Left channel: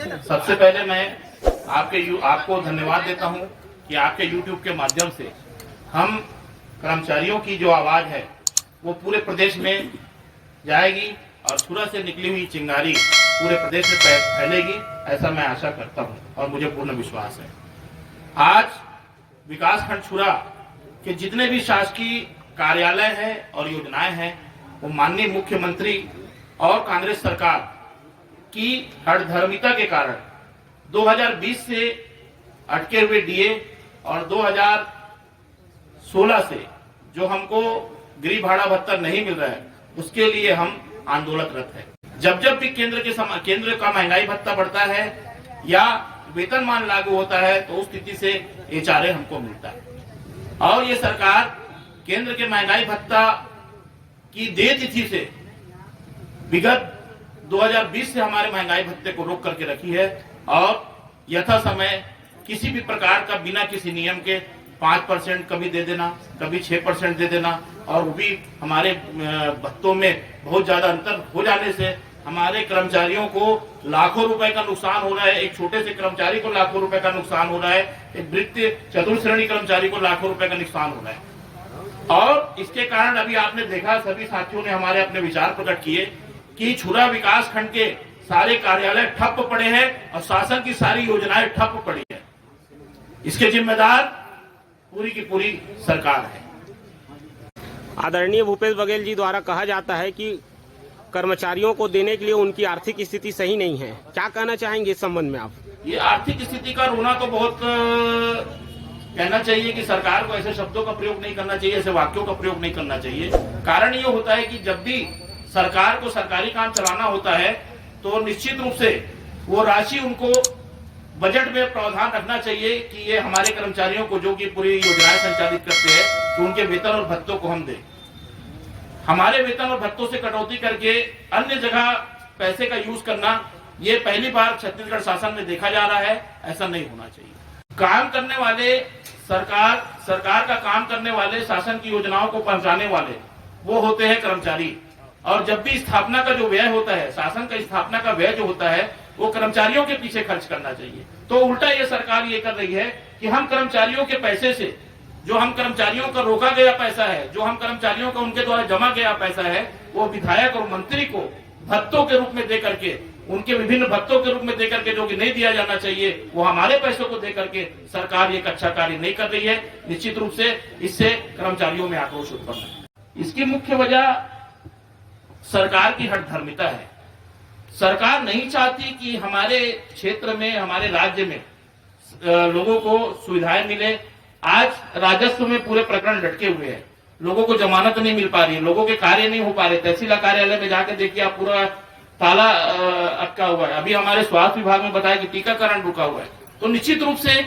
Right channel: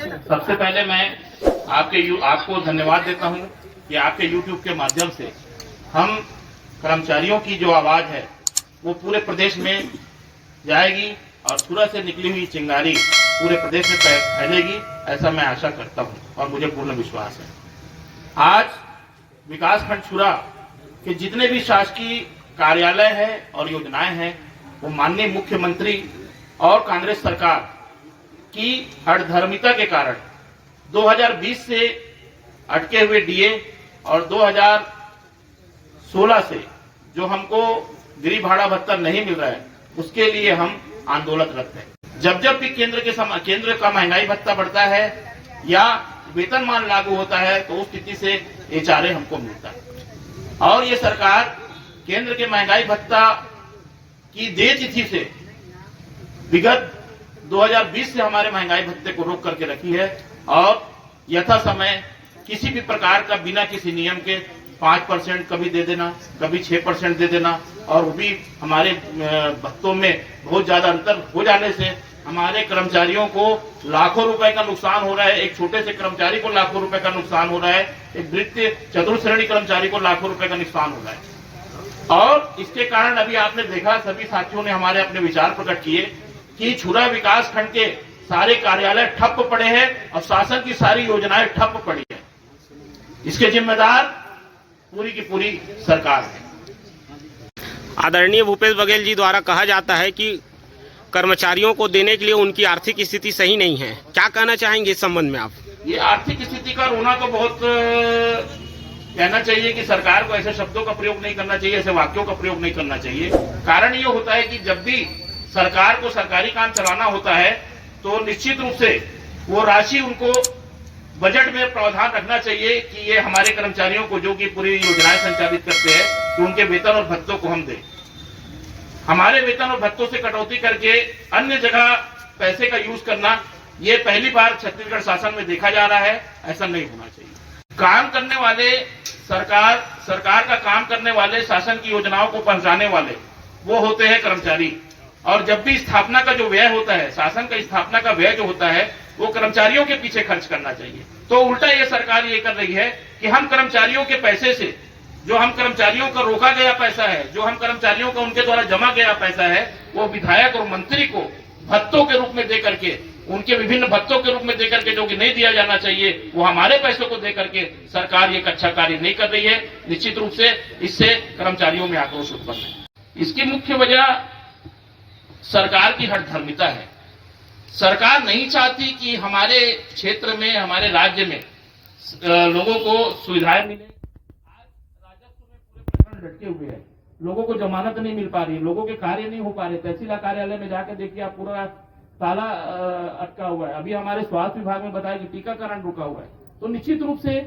सबसे पहले मैं आपको धन्यवाद देता हूं कि आपके YouTube के माध्यम से हम कर्मचारियों की जो आवाज है वो पूरे प्रदेश में जाएगी और सूरत से निकली हुई चिंगारी पूरे प्रदेश में फैलेगी, ऐसा मैं आशा करता हूं और मुझे पूर्ण विश्वास है। आज विकासखंड छुरा के जितने भी शासकीय कार्यालय हैं और योजनाएं हैं वो माननीय मुख्यमंत्री और कांग्रेस सरकार की हठधर्मिता के कारण 2020 से अटके हुए डीए और 2016 से जो हमको गृह भाड़ा भत्ता नहीं मिल रहा है उसके लिए हम आंदोलनरत हैं। जब भी केंद्र का महंगाई भत्ता बढ़ता है या वेतनमान लागू होता है तो उस स्थिति से एचआरए हमको मिलता है और ये सरकार केंद्र के महंगाई भत्ता की देय तिथि से विगत 2020 से हमारे महंगाई भत्ते को रोक करके रखी है और यथा समय किसी भी प्रकार का बिना किसी नियम के 5% कभी दे देना, कभी 6% दे देना और वो भी हमारे भत्तों में बहुत ज्यादा अंतर हो जाने से हमारे कर्मचारियों को लाखों रुपए का नुकसान हो रहा है। एक छोटे से कर्मचारी को लाखों रुपए का नुकसान हो रहा है, एक वृत्तीय चतुर्थ श्रेणी कर्मचारी को लाखों रुपए का नुकसान हो रहा है और इसके कारण अभी आपने देखा सभी साथियों ने हमारे अपने विचार प्रकट किए कि छुरा विकास खंड के सारे कार्यालय ठप पड़े हैं और शासन की सारी योजनाएं ठप पड़ी है। इसके जिम्मेदार पूरी की पूरी सरकार है। आदरणीय भूपेश बघेल जी द्वारा कहा जाता है कि कर्मचारियों को देने के लिए उनकी आर्थिक स्थिति सही नहीं है, क्या कहना चाहेंगे इस संबंध में आप? ये आर्थिक स्थिति का रोना तो बहुत कहना चाहिए कि सरकार को ऐसे शब्दों का प्रयोग नहीं करना चाहिए, ऐसे वाक्यों का प्रयोग नहीं करना चाहिए। कारण ये होता है कि जब भी सरकार को सरकारी काम चलाना होता है तो निश्चित रूप से वो राशि उनको बजट में प्रावधान रखना चाहिए कि ये हमारे कर्मचारियों को जो कि पूरी योजनाएं संचालित करते हैं तो उनके वेतन और भत्तों को हम दें। हमारे वेतन और भत्तों से कटौती करके अन्य जगह पैसे का यूज करना ये पहली बार छत्तीसगढ़ शासन में देखा जा रहा है, ऐसा नहीं होना चाहिए। काम करने वाले सरकार का काम करने वाले, शासन की योजनाओं को पहुंचाने वाले वो होते हैं कर्मचारी और जब भी स्थापना का जो व्यय होता है, शासन का स्थापना का व्यय जो होता है वो कर्मचारियों के पीछे खर्च करना चाहिए। तो उल्टा ये सरकार ये कर रही है कि हम कर्मचारियों के पैसे से, जो हम कर्मचारियों का रोका गया पैसा है, जो हम कर्मचारियों का उनके द्वारा जमा गया पैसा है, वो विधायक और मंत्री को भत्तों के रूप में दे करके, उनके विभिन्न भत्तों के रूप में दे करके जो कि नहीं दिया जाना चाहिए वो हमारे पैसों को दे करके सरकार एक अच्छा कार्य नहीं कर रही है। निश्चित रूप से इससे कर्मचारियों में आक्रोश उत्पन्न है। इसकी मुख्य वजह सरकार की हठधर्मिता है। सरकार नहीं चाहती कि हमारे क्षेत्र में, हमारे राज्य में लोगों को सुविधाएं मिले। आज राजस्व में पूरे प्रकरण लटके हुए हैं, लोगों को जमानत नहीं मिल पा रही है, लोगों के कार्य नहीं हो पा रहे। तहसील कार्यालय में जाकर देखिए आप, पूरा ताला अटका हुआ है। अभी हमारे स्वास्थ्य विभाग में बताया कि टीकाकरण रुका हुआ है। तो निश्चित रूप से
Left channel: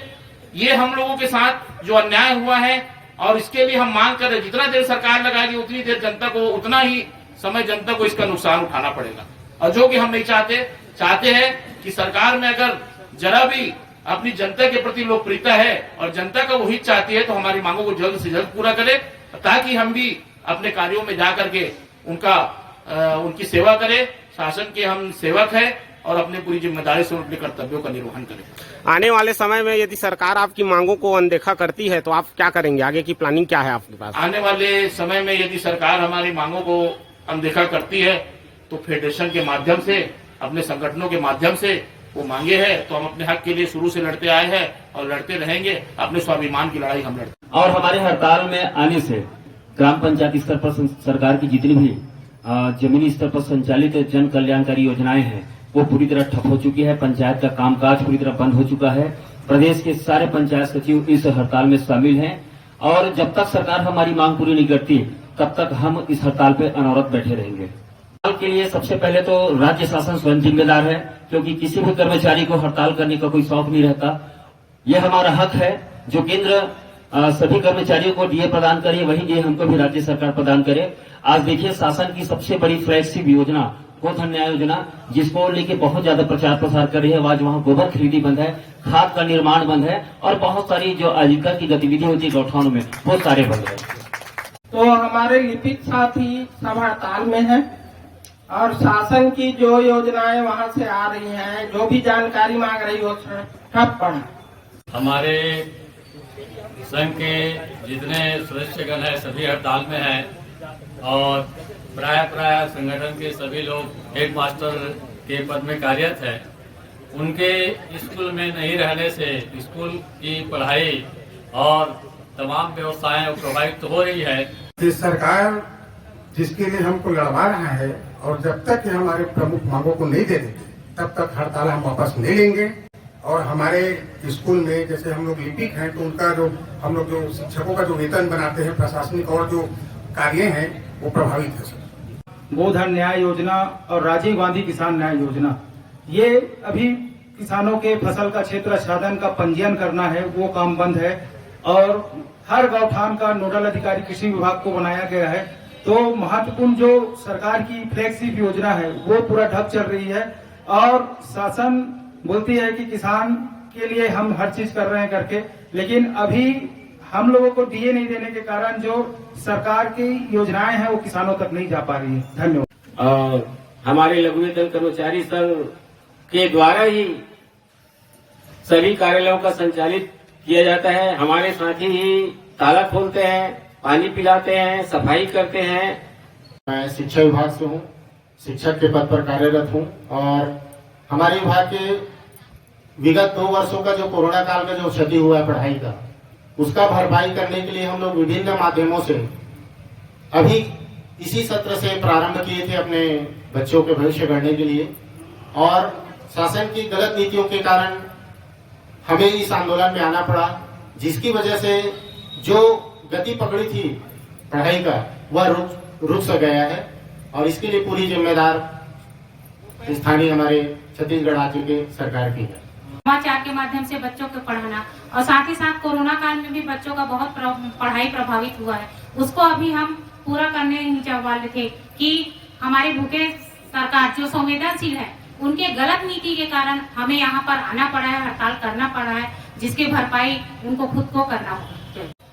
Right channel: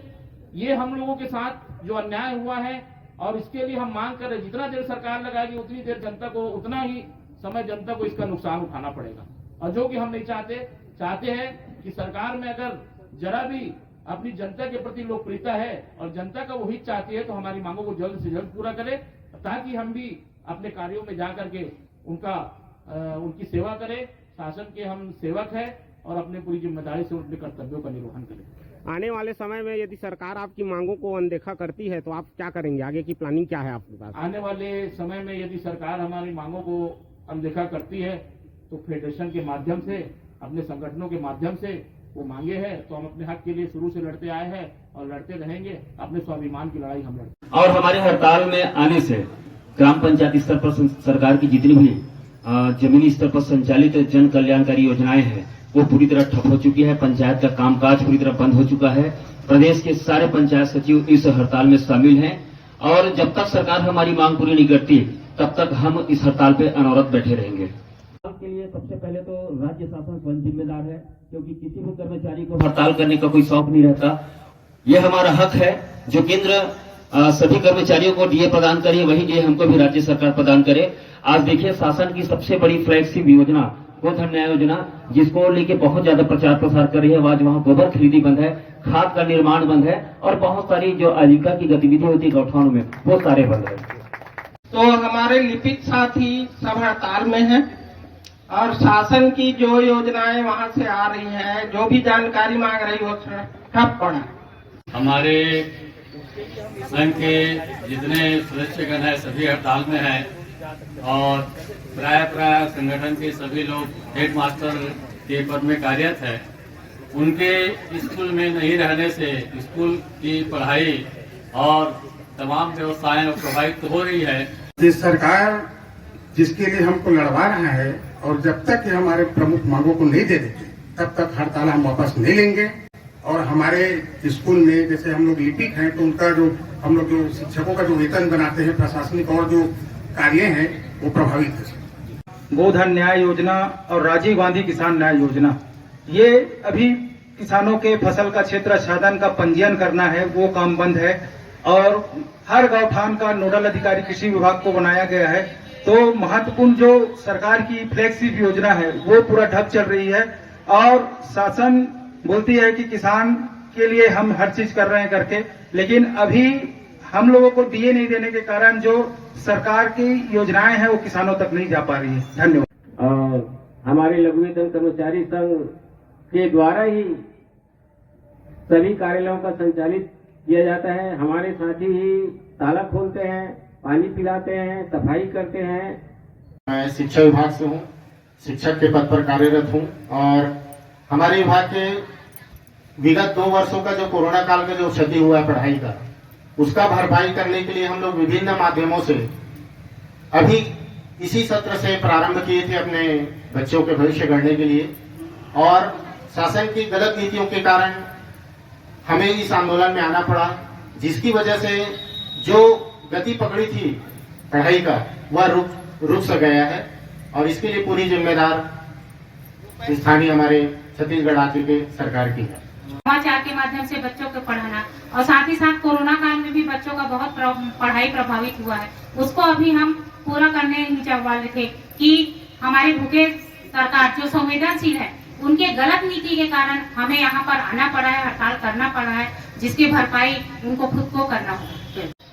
ये हम लोगों के साथ जो अन्याय हुआ है और इसके लिए हम मांग कर रहे, जितना देर सरकार लगाएगी उतनी देर जनता को, उतना ही समय जनता को इसका नुकसान उठाना पड़ेगा और जो कि हम नहीं चाहते हैं कि सरकार में अगर जरा भी अपनी जनता के प्रति लोकप्रियता है और जनता का वो हित चाहती है तो हमारी मांगों को जल्द से जल्द पूरा करे ताकि हम भी अपने कार्यों में जाकर के उनकी सेवा करें। शासन के हम सेवक हैं और अपने पूरी जिम्मेदारी से अपने कर्तव्यों का निर्वहन करें। आने वाले समय में यदि सरकार आपकी मांगों को अनदेखा करती है तो आप क्या करेंगे? आगे की प्लानिंग क्या है आपके पास? आने वाले समय में यदि सरकार हमारी मांगों को अनदेखा करती है तो फेडरेशन के माध्यम से, अपने संगठनों के माध्यम से वो मांगे हैं तो हम अपने हक के लिए शुरू से लड़ते आए हैं और लड़ते रहेंगे। अपने स्वाभिमान की लड़ाई हम लड़ते। और हमारे हड़ताल में आने से ग्राम पंचायत स्तर पर सरकार की जितनी भी जमीनी स्तर पर संचालित जन कल्याणकारी योजनाएं हैं वो पूरी तरह ठप हो चुकी है। पंचायत का कामकाज पूरी तरह बंद हो चुका है। प्रदेश के सारे पंचायत सचिव इस हड़ताल में शामिल हैं और जब तक सरकार हमारी मांग पूरी नहीं करती तब तक हम इस हड़ताल पे अनवरत बैठे रहेंगे। हड़ताल के लिए सबसे पहले तो राज्य शासन स्वयं जिम्मेदार है, क्योंकि किसी भी कर्मचारी को हड़ताल करने का कोई शौक नहीं रहता। यह हमारा हक है जो केंद्र सभी कर्मचारियों को डीए प्रदान करे, वही डीए हमको भी राज्य सरकार प्रदान करे। आज देखिए शासन की सबसे बड़ी फ्लैगशिप योजना गोधन न्याय योजना, जिसको लेके बहुत ज्यादा प्रचार प्रसार कर रही है। आज वहाँ गोबर खरीदी बंद है, खाद का निर्माण बंद है और बहुत सारी जो आजीविका की गतिविधि होती है गौठानों में वो सारे बंद है। तो हमारे लिपिक साथी सब हड़ताल में है और शासन की जो योजनाएं वहां से आ रही हैं, जो भी जानकारी मांग रही हो सब पढ़ा। हमारे संघ के जितने सदस्यगण हैं सभी हड़ताल में हैं और प्राय संगठन के सभी लोग हेड मास्टर के पद में कार्यरत हैं। उनके स्कूल में नहीं रहने से स्कूल की पढ़ाई और तमाम व्यवस्थाएं प्रभावित हो रही है। ये सरकार जिसके लिए हमको लड़वा रहा है और जब तक ये हमारे प्रमुख मांगों को नहीं दे देते तब तक हड़ताल हम वापस नहीं लेंगे। और हमारे स्कूल में जैसे हम लोग लिपिक हैं तो उनका जो हम लोग जो शिक्षकों का जो वेतन बनाते हैं, प्रशासनिक और जो कार्य हैं वो प्रभावित है। गोधन न्याय योजना और राजीव गांधी किसान न्याय योजना, ये अभी किसानों के फसल का क्षेत्र आच्छादन का पंजीयन करना है, वो काम बंद है। और हर गौठान का नोडल अधिकारी कृषि विभाग को बनाया गया है। तो महत्वपूर्ण जो सरकार की फ्लैगशिप योजना है वो पूरा ठप चल रही है। और शासन बोलती है कि किसान के लिए हम हर चीज कर रहे हैं करके, लेकिन अभी हम लोगों को डीए नहीं देने के कारण जो सरकार की योजनाएं हैं वो किसानों तक नहीं जा पा रही है। धन्यवाद। हमारे लघु वेतन कर्मचारी संघ के द्वारा ही सभी कार्यालयों का संचालित किया जाता है। हमारे साथी ही ताला खोलते हैं, पानी पिलाते हैं, सफाई करते हैं। मैं शिक्षा विभाग से हूँ, शिक्षक के पद पर कार्यरत हूँ और हमारे विभाग के विगत 2 वर्षों का जो कोरोना काल में जो क्षति हुआ है पढ़ाई का, उसका भरपाई करने के लिए हम लोग विभिन्न माध्यमों से अभी इसी सत्र से प्रारंभ किए थे अपने बच्चों के भविष्य गढ़ने के लिए। और शासन की गलत नीतियों के कारण हमें इस आंदोलन में आना पड़ा, जिसकी वजह से जो गति पकड़ी थी पढ़ाई का वह रुक सा गया है। और इसके लिए पूरी जिम्मेदार स्थानीय हमारे छत्तीसगढ़ राज्य के सरकार की है। समाचार के माध्यम से बच्चों को पढ़ाना और साथ ही साथ कोरोना काल में भी बच्चों का बहुत पढ़ाई प्रभावित हुआ है, उसको अभी हम पूरा करने वाले थे कि हमारे भूखे सरकार जो संवेदनशील है उनके गलत नीति के कारण हमें यहाँ पर आना पड़ा है, हड़ताल करना पड़ा है, जिसकी भरपाई उनको खुद को करना होगा।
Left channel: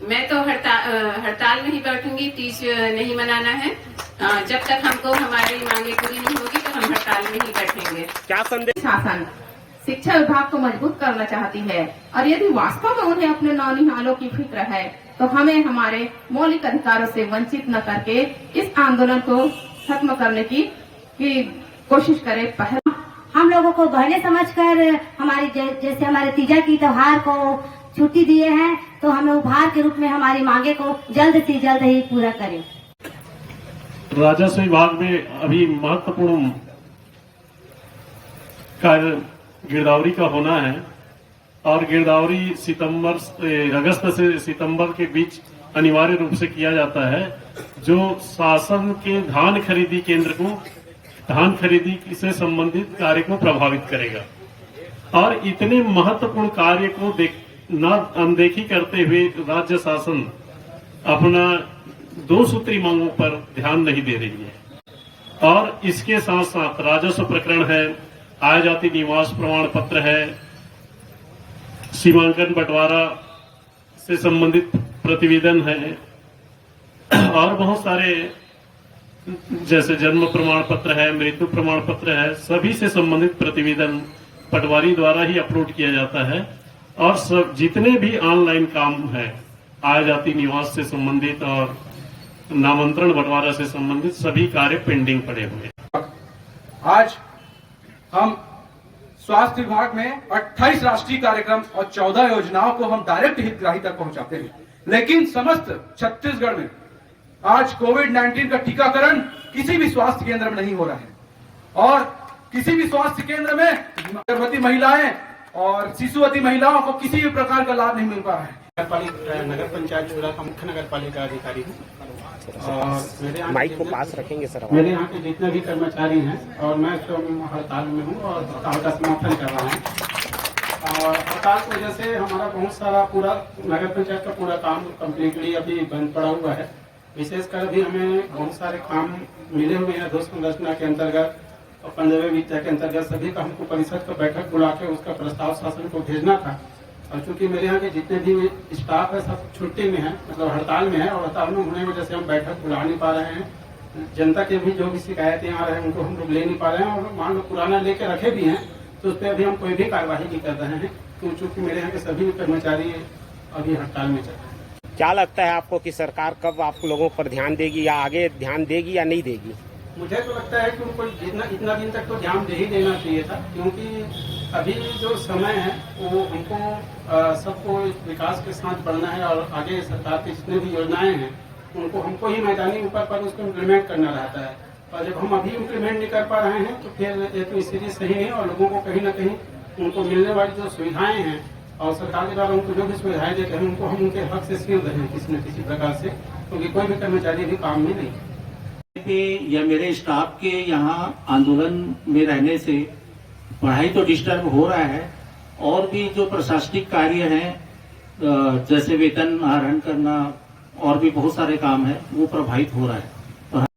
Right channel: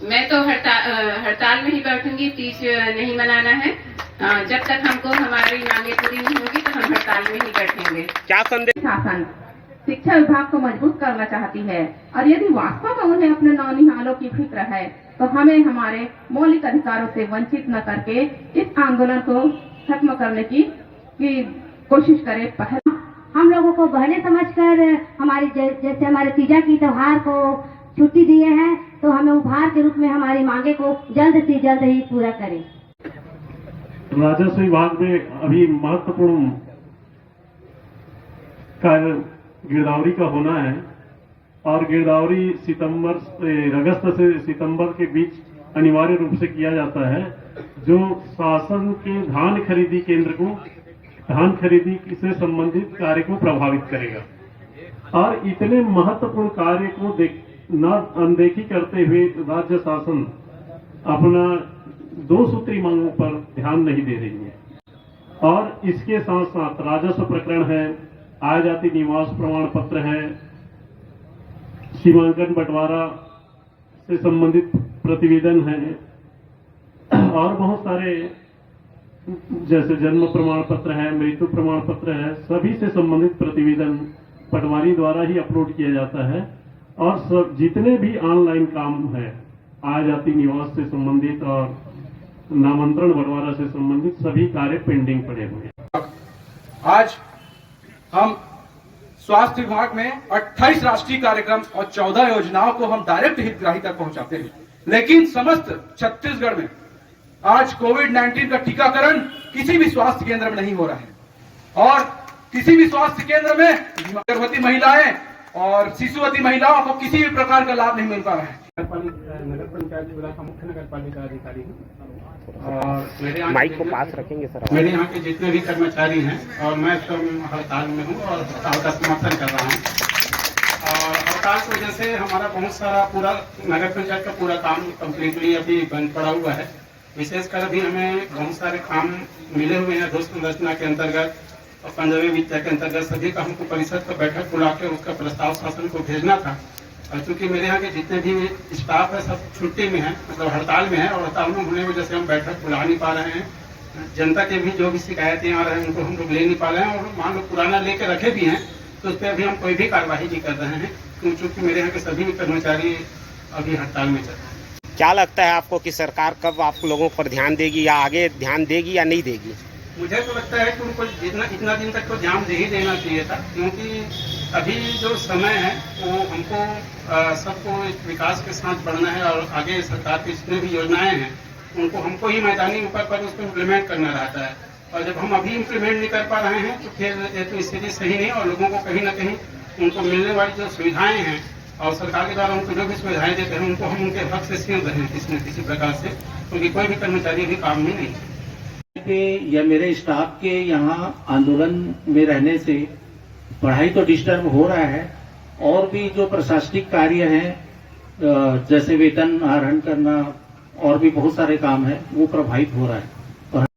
मैं तो हड़ताल में ही बैठूंगी, तीज नहीं मनाना है। जब तक हमको हमारी मांगे पूरी नहीं होगी तो हम हड़ताल में ही बैठेंगे। क्या संदेश? शासन शिक्षा विभाग को मजबूत करना चाहती है और यदि वास्तव में उन्हें अपने नौनिहालों की फिक्र है तो हमें हमारे मौलिक अधिकारों से वंचित न करके इस आंदोलन को खत्म करने की कोशिश करें। पहले हम लोगों को बहने समझकर हमारी जैसे हमारे तीजा की त्योहार को छुट्टी दिए हैं तो हमें उपहार के रूप में हमारी मांगे को जल्द से जल्द ही पूरा करें। राजस्व विभाग में अभी महत्वपूर्ण कार्य गिरदावरी का होना है और गिरदावरी अगस्त से सितंबर के बीच अनिवार्य रूप से किया जाता है, जो शासन के धान खरीदी केंद्र को धान खरीदी से संबंधित कार्य को प्रभावित करेगा। और इतने महत्वपूर्ण कार्य को न अनदेखी करते हुए राज्य शासन अपना 2 सूत्री मांगों पर ध्यान नहीं दे रही है। और इसके साथ साथ राजस्व प्रकरण है, आय जाति निवास प्रमाण पत्र है, सीमांकन बंटवारा से संबंधित प्रतिवेदन है और बहुत सारे जैसे जन्म प्रमाण पत्र है, मृत्यु प्रमाण पत्र है, सभी से संबंधित प्रतिवेदन पटवारी द्वारा ही अपलोड किया जाता है। और सब जितने भी ऑनलाइन काम है आय जाति निवास से संबंधित और नामांतरण बंटवारा से संबंधित सभी कार्य पेंडिंग पड़े हुए हैं। आज हम स्वास्थ्य विभाग में 28 राष्ट्रीय कार्यक्रम और 14 योजनाओं को हम डायरेक्ट हितग्राही तक पहुंचाते हैं, लेकिन समस्त छत्तीसगढ़ में आज कोविड-19 का टीकाकरण किसी भी स्वास्थ्य केंद्र में नहीं हो रहा है। और किसी भी स्वास्थ्य केंद्र में गर्भवती महिलाएं और शिशुवती महिलाओं को किसी भी प्रकार का लाभ नहीं मिल पा रहा है। नगर पंचायत चूरा का मुख्य नगर पालिका अधिकारी हूँ और मेरे माइक को पास रखेंगे सर। मेरे यहाँ के जितने भी कर्मचारी हैं और मैं हड़ताल में हूँ और हड़ताल का समर्थन कर रहा हूँ। और हड़ताल की वजह से हमारा बहुत सारा पूरा नगर पंचायत का पूरा काम कम्प्लीटली अभी बंद पड़ा हुआ है। विशेषकर अभी हमें बहुत सारे काम मिले हुए हैं दोस्त संरचना के अंतर्गत और 15वीं विद्या के अंतर्गत सभी का हमको परिषद का बैठक बुला के उसका प्रस्ताव शासन को भेजना था। और चूंकि मेरे यहाँ के जितने भी स्टाफ है सब छुट्टी में है, मतलब हड़ताल में है और हड़ताल में होने की वजह से हम बैठक बुला नहीं पा रहे हैं। जनता के भी जो भी शिकायतें आ रहे हैं उनको हम लोग ले नहीं पा रहे हैं, और मान लो पुराना लेके रखे भी हैं तो उस पर अभी हम कोई भी कार्रवाई नहीं कर रहे हैं, क्योंकि मेरे यहाँ के सभी कर्मचारी अभी हड़ताल में चल रहे हैं। क्या लगता है आपको कि सरकार कब आप लोगों पर ध्यान देगी, या आगे ध्यान देगी या नहीं देगी? मुझे तो लगता है कि उनको इतना दिन तक तो ध्यान दे ही देना चाहिए था, क्योंकि अभी जो समय है वो हमको सबको विकास के साथ बढ़ना है, और आगे सरकार की जितनी भी योजनाएं हैं उनको हमको ही मैदानी ऊपर पर उसको इम्प्लीमेंट करना रहता है, और जब हम अभी इम्प्लीमेंट नहीं कर पा रहे हैं तो फिर ये तो स्थिति सही नहीं, और लोगों को कहीं ना कहीं उनको मिलने वाली जो सुविधाएं हैं और सरकार के द्वारा उनको जो भी सुविधाएं देते हैं उनको हम उनके हक से सीमित रहे किसी न किसी प्रकार से, क्योंकि कोई भी कर्मचारी भी काम में नहीं है। या मेरे स्टाफ के यहाँ आंदोलन में रहने से पढ़ाई तो डिस्टर्ब हो रहा है, और भी जो प्रशासनिक कार्य हैं जैसे वेतन आहरण करना और भी बहुत सारे काम हैं वो प्रभावित हो रहा है।